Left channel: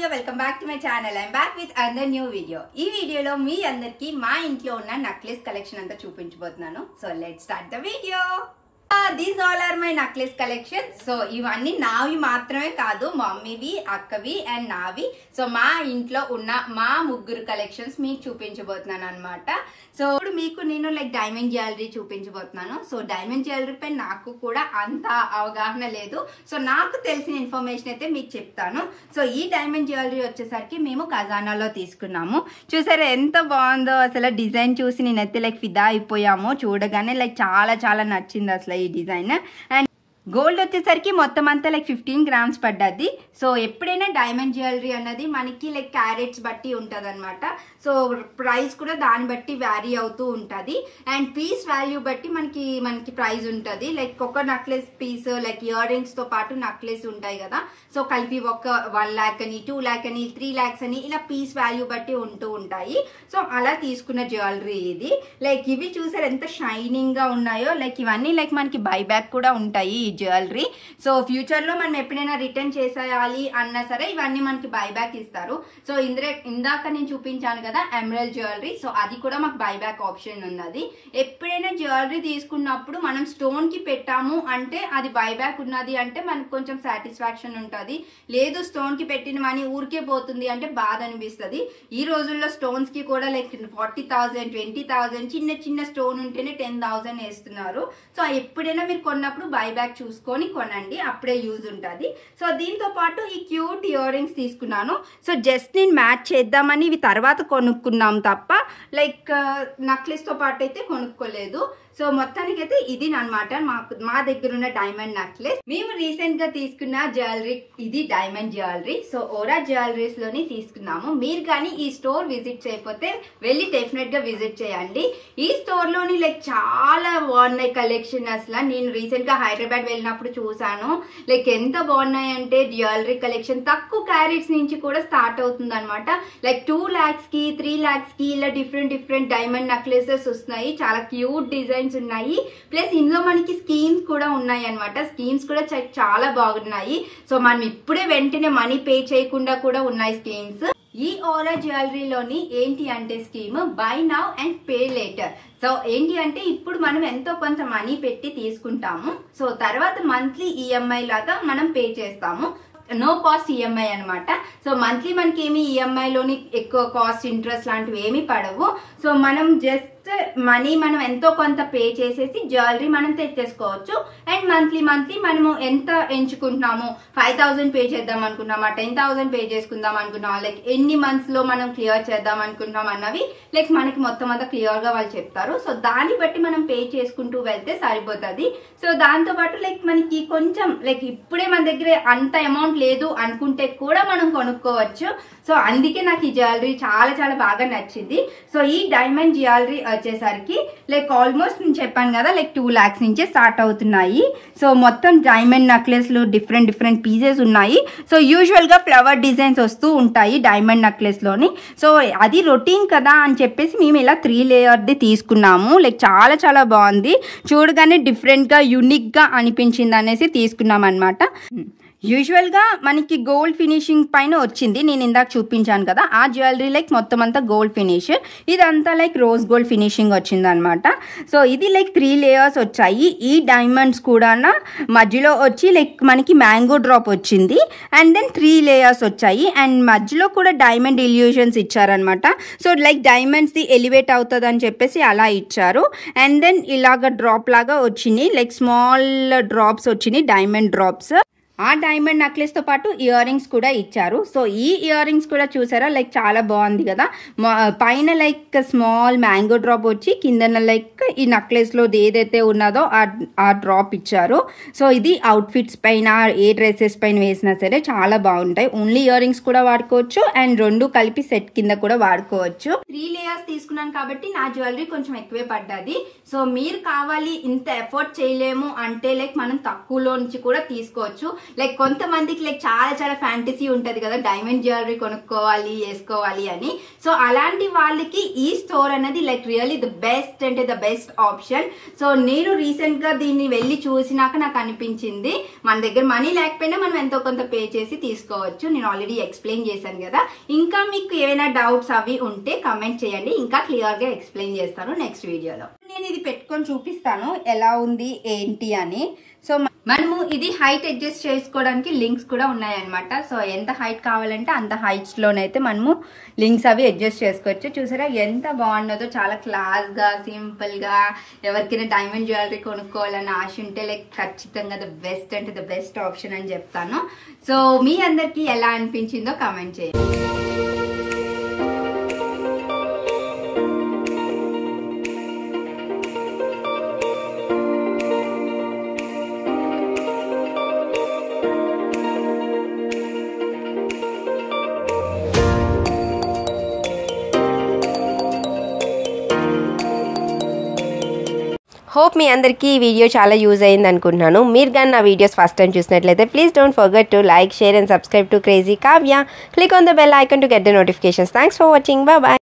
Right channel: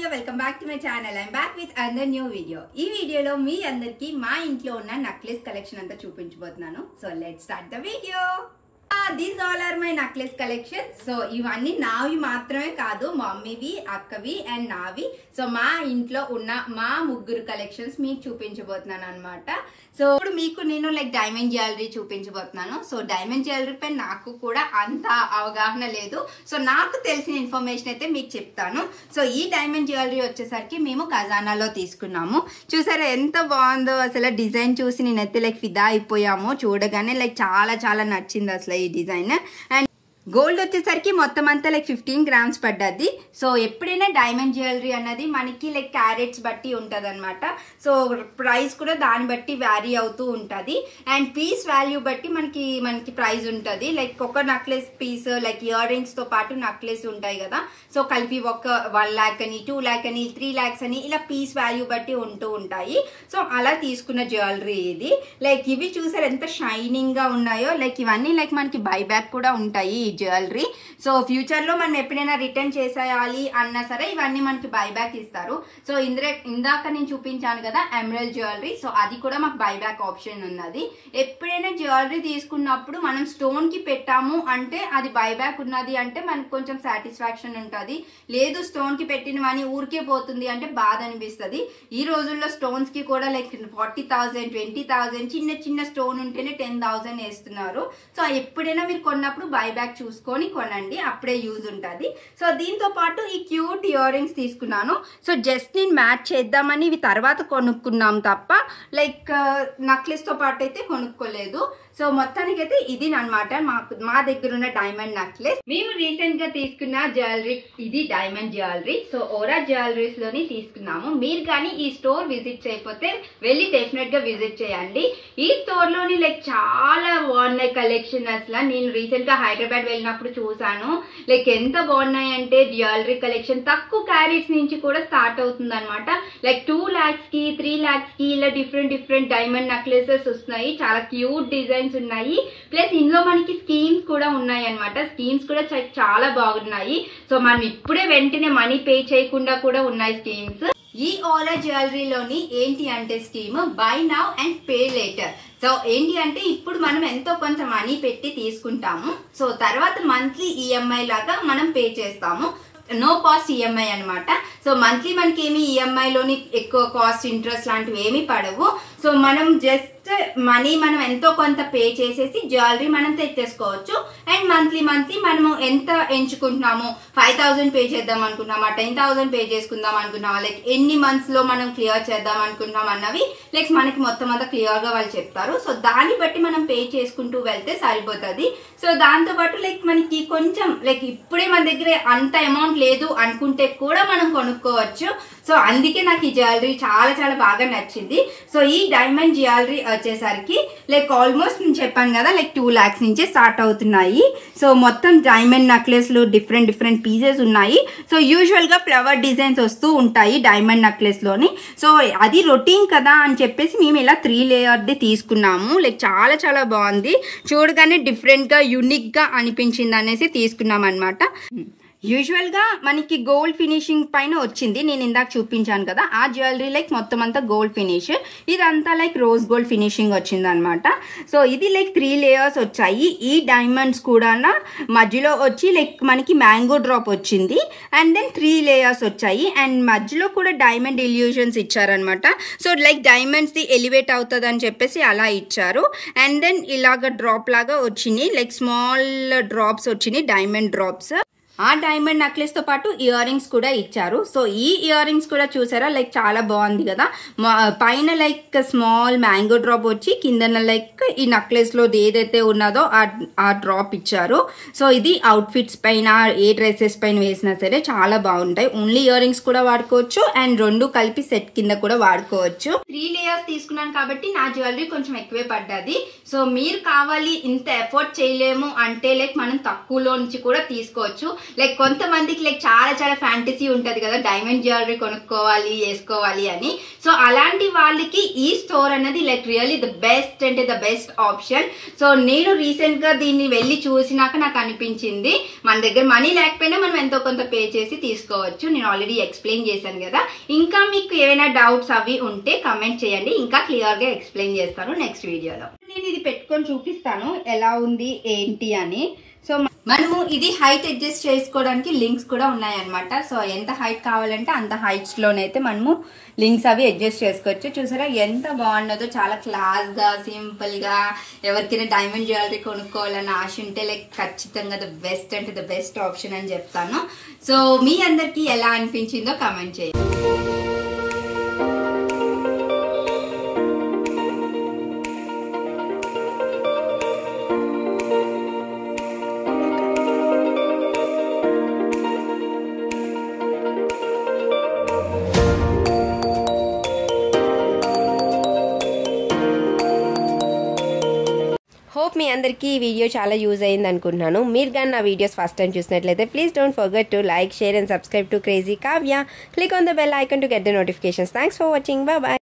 Kavya, welcome back to my channel. I'm back with another new video. ఈ వీడియోలో మీ అందరికి మా ఇంట్లో ఉన్న నెక్లెస్ కలెక్షన్ అంతా చూపించబోతున్నాను. So let's start the video. These all are my necklace collections. So ఇవన్నీ నావి మాత్రమే కాదు, మమ్మీవి, అక్కవి అండ్ నావి. సో మా ఇంట్లో ఉన్న మా ముగ్గురు కలెక్షన్స్ మీకు చూపించబోతున్నాను అన్నమాట. సో ఇప్పుడు మీకు నేను లైక్ డైమండ్ జ్యువెలరీ చూపించబోతున్నాను. సో డైమండ్ జ్యువెలరీ పై నాకు కూడా అంత అవగాహన లేదు. సో నాకు తెలిసిన ఇన్ఫర్మేషన్ అయితే మీకు చెప్తాను. సో ఈ డైమండ్ జ్యువెలరీ వచ్చేసరికి మేము ఖజానాలో తీసుకున్నాము. చూసారా ఎంత బాగుందో, అసలు డిజైన్ చూసి నేనైతే లైక్ ఫిదా అయిపోయాము. చూడగానే లైక్ చాలా నచ్చింది అసలు ఈ డిజైన్. అండ్ గోల్డ్ వచ్చేసరికి మొత్తం అంతా లైక్ 15 grams పడ్డది. సో ఎప్పుడైనా డైమండ్ జ్యువెలరీ అన్నది మనకి లైక్ క్యారెట్స్ బట్టి ఉంటుంది అనమాట. సో ప్రైస్ కూడా దాన్ని బట్టి వ్యారీ అవుతూ ఉంటుంది. అండ్ పీస్ వాల్యూ బట్టి మనకి ప్రైస్ ఉంటుంది. లైక్ ఒక necklace piece like earrings తో పాటు నెక్లెస్ ఉంటాయి కదా, సో కలిపి ఒక 1 lakh అని 2 lakh అని 3 lakhs అని ఇలా పీస్ వాల్యూ బట్టి ఉంటూ ఉంటాయి. సో అలా తీసుకున్న జ్యువెలరీ ఇది. లైక్ ఇవి చూసారు ఎంత షైనింగ్ గా ఉన్నాయో. లైక్ ఇవన్నీ లైక్ మనకి బైబ్యాక్ కూడా ఉంటాయి జ్యువెలరీ. సో ఫ్యూచర్ లో మనం ఎప్పుడైనా రిటర్న్ చేసేయాలి అన్నా సరే ఇవన్నీ మనకి బైబ్యాక్ ఇస్తారు. సో ఇందాక నేను చూపించాను కదా ఎమరల్డ్ జ్యువెలరీ, సో అది కూడా మాకు బైబ్యాక్ ఆప్షన్ ఉన్నది. ఎప్పుడైనా జ్యువెలరీ తీసుకున్నప్పుడు మనం స్టోన్ కి పెట్టాము అంటే అది బైబ్యాక్ ఉన్నది అంటే మనకు కొంచెం సాటిస్ఫాక్షన్ ఉంటుంది. లేదు స్టోన్ కి పెట్టిన మనీ ఊరికే పోతుంది అంటే బాధ అనిపిస్తుంది. ఈ రోజుల్లో స్టోన్స్ కి కూడా లైక్ 40,000 20,000 చిన్న స్టోన్ ఉంటేనే 10,000 వేస్తున్నారు. సో ఎప్పుడైనా మీరు కొన్నప్పుడు బైబ్యాక్ చూసుకొని కొనండి, అప్పుడే యూజ్ ఉంటుంది. సో దీంతో పాటు ఈ క్యూట్ ఇయర్ రింగ్స్ తీసుకున్నాను. సో జస్ట్ నేను మ్యాచ్ చేద్దామని ఇవి తర్వాత కొనుక్కున్నాం తప్ప లైక్ నెక్లెస్ తో పాటు అయితే కొనుక్కోలేదు. సో మొత్తానికి అయితే ఇది అన్నమాట మా దగ్గర ఉన్న డైమండ్ నెక్లెస్. మేము రీసెంట్ గా తీసుకున్న జ్యువెలరీ ఇది డైమండ్ జ్యువెలరీ. సో ఓరా జ్యువెలరీస్ లోని తీసుకున్నాము. మీరు కానీ ఈ స్టోర్ విజిట్ చేయకపోతే వెళ్ళి డెఫినెట్ గా విజిట్ చేయండి. ఈ స్టోర్ లోని లైక్ చాలా బాగున్నాయి కలెక్షన్. అసలు నేను రీసెంట్ గా హైదరాబాద్ వెళ్ళినప్పుడు చూసాను. లైక్ ఎంత బాగున్నాయి అంటే జ్యువెలరీ కలెక్షన్ తక్కువ క్యారెట్స్ నుంచి కూడా స్టార్ట్ అవుతుంది అనమాట. లైక్ 2 lakhs కి 3 lakhs కి ఇలా డిఫరెంట్ డైమండ్ నెక్లెసెస్ వస్తున్నాయి. చాలా క్యూట్ డిజైన్స్ ఉన్నాయి. ప్లస్ ఇందులో మనకి స్కీమ్స్ కూడా ఉన్నాయి అనమాట. స్కీమ్స్ కూడా చాలా బాగున్నాయి. సో మనం ఇప్పుడే వెంటనే మనీ పే చేయకుండా కూడా ఉన్నాయి స్కీమ్స్. ఈ ఓరా జ్యువెలరీలోని ఏంటి అంటే scheme by now and pay later. So ఏంటి అంటే ఇప్పుడు మనం ఎంతో కొంత మనీ పెట్టి తీసుకుంటాము. సో తర్వాత మంత్లీ ఈఎంఐ లాగా మనం పే చేస్తాము. నో కాస్ట్ ఈఎంఐ అనమాట. సో మంత్లీ మనకి ఏమి ఈఎంఐలోని ఎక్కువ కాస్ట్ ఇంట్రెస్ట్ లాంటివి ఏమి పడవు. సో మనం జస్ట్ మనీ మనం ఎంతో కొంత పే చేసేసి జ్యువెలరీ మనం తెచ్చేసుకోవచ్చు. అండ్ మంత్లీ మనము ఎంత ఎంచుకుంటున్నాము, 5,000 పే చేద్దాం అనుకున్నామా, 10,000 పే చేసుకుందాం అనుకున్నామా, లైక్ ఎన్ని మంత్స్ లో మనం క్లియర్ చేద్దాం అనుకుంటున్నాం అన్నవి లైక్ మనకి మొత్తం అంతా క్లియర్ గా వాళ్ళు చెప్తారు. సో దాన్ని బట్టి మనం పే చేసుకుంటూ వెళ్తే సరిపోతుంది. సో దాంతో పాటు లైక్ మనకి కొంచెం లైక్ ఇప్పుడే మన దగ్గర అంత అమౌంట్ లేదు అనుకుంటే కూడా మనం కొనుక్కోవచ్చు. సో అందుకే నాకు ఈ జ్యువెలరీ చాలా బాగా నచ్చింది. సో ఈ డైమండ్ జ్యువెలరీ వచ్చేసరికి లైక్ ఆల్మోస్ట్ నేను చెప్పాను కదా లైక్ 2 lakhs నుంచే స్టార్ట్ అవుతున్నాయి. సో మొత్తం డైమండ్ నెక్లెస్ లో డిఫరెంట్ పీసెస్ ఉన్నాయి. సో యూజువల్ గా ఫ్లవర్ డిజైన్స్ వస్తూ ఉంటాయి డైమండ్ నెక్లెస్ లోని. సో అది రొటీన్ కదా అని చెప్పేసి మేము ఇలా 3 లేయర్ది తీసుకున్నాము. లైక్ చాలా బాగుంది. చూడగానే డిఫరెంట్ గా యూనిక్ గా అనిపించింది అనేసి తీసుకున్నాం అనమాట. యూజువల్ గా మనకి గోల్డ్ ఫినిషింగ్ పైన వచ్చింది. నేను ఇందాక చూపించాను కదా ఆ జ్యువెలరీ లైక్ మొత్తం అంతా గోల్డ్ ఫినిష్. ఇదంతా లైక్ రోజ్ గోల్డ్ ఫినిషింగ్ వచ్చింది అనమాట. సో ఇది లైక్ 3 layers వచ్చాయి. ఈ డైమండ్స్ కూడా మధ్యలో వచ్చి లైక్ మనకి మ్యాంగో డ్రాప్ వచ్చింది. అండ్ దెన్ 3 layers వచ్చాయి. అండ్ మధ్యలో కూడా డైమండ్ ఇల్యూషన్స్ ఇచ్చారనమాట. So like diamonds the elevate అవుతుంది అని చెప్పేసి అలా ఇచ్చారు. అండ్ దెన్ ఇలాగ డ్రాప్ లాగా వచ్చినాయి, లైక్ స్మాల్ డ్రాప్స్ వచ్చినాయి, డైమండ్ డ్రాప్స్. ఆ డైమండ్ నెక్లెస్ తో పాటు ఇయర్ రింగ్స్ కూడా ఇచ్చారు. సో ఈ ఇయర్ రింగ్స్ కూడా చూసారా లైక్ చాలా బాగుంది కదా. పైన లైక్ స్మాల్ మ్యాంగో డ్రాప్ వచ్చి కిందన లైక్ ఈ నెక్లెస్ లో ఏదైతే ఉన్నదో ఆ డ్రాప్ ఇచ్చారు. సో ఇది అవుట్ ఫిట్స్ పైన ఏ డ్రెస్సెస్ పైన వేసినా సరే చాలా బాగుంటాయి. ఓన్లీ ఇయర్ రింగ్స్ కూడా వాడుకోవచ్చు అండ్ 2 కలిపి సెట్ కింద కూడా వాడుకోవచ్చు. 3 layers తీసుకున్నాను కాబట్టి నా జ్యువెలరీ కొంచెం ఎక్కువే పడ్డది. సో మీరు కావాలి ఇంత ఎఫర్ట్ చేయలేము అంటే లైక్ మనం తక్కువలో నుంచి కూడా తీసుకోవచ్చు. లైక్ కొంతమందికి లైక్ చాలా చాలా ఫ్యాంటసీ ఉంటుంది కదా, డైమండ్ జ్యువెలరీ కొనుక్కోవాలి వేసుకోవాలి అని. సో అలాంటి వాళ్ళకి ఈ స్టోర్ అనేది లైక్ రియల్లీ ద బెస్ట్ అంటే ద బెస్ట్ ఆప్షన్. సో నేను రీసెంట్ గా దీన్ని వెళ్ళి చూసినాక నాకు అనిపించింది మన దగ్గర మనీ లేకపోయినా మనం ఎంతో కొంత పే చేసి తీసుకోవచ్చు. నేను ఆల్రెడీ ఎక్స్ప్లెయిన్ చేశాను కదా. ఇంకా మీకు ఏమైనా డౌట్స్ అవి ఉంటే కమెంట్ చేయండి, ఇంకా క్లియర్ గా ఎక్స్ప్లెయిన్ చేస్తాను నెక్స్ట్ వీడియోలో. నేను ఇది పెట్టుకొని చూపిస్తాను ఎలా ఉంది ఏంటి అని. సో మనము ఇది హైట్ అడ్జస్ట్ చేసుకోవడానికి లింక్స్ కూడా ఉన్నాయన్నమాట. సో ఎంత హైట్ కావాలంటే అంత హైట్స్ లోనైతే మనము లింక్స్ అవి అడ్జస్ట్ చేసుకోవచ్చు. చూసారా ఎంత బాగున్నదో, చాలా క్లాస్ గా సింపుల్ గా. ఎవరికైనా డైమండ్ జ్యువెలరీ కొనుక్కోవాలని ఆశ ఉంటే లైక్ ఖచ్చితంగా ద బెస్ట్ అంటే ద బెస్ట్ ఆప్షన్ అని చెప్తాను. సో మీ అందరికి ఎలా అనిపించిందో కామెంట్ చేయండి. హోప్ మీ అందరికీ ఈ వీడియో చాలా యూజ్ అయింది అనుకుంటున్నాను. మీరు కానీ నా వీడియోస్ ఫస్ట్ టైం చూసినట్లయితే please don't forget to like, share and subscribe to crazy Kavya. Click on the bell icon to get the notifications. Thanks for watching. Bye bye.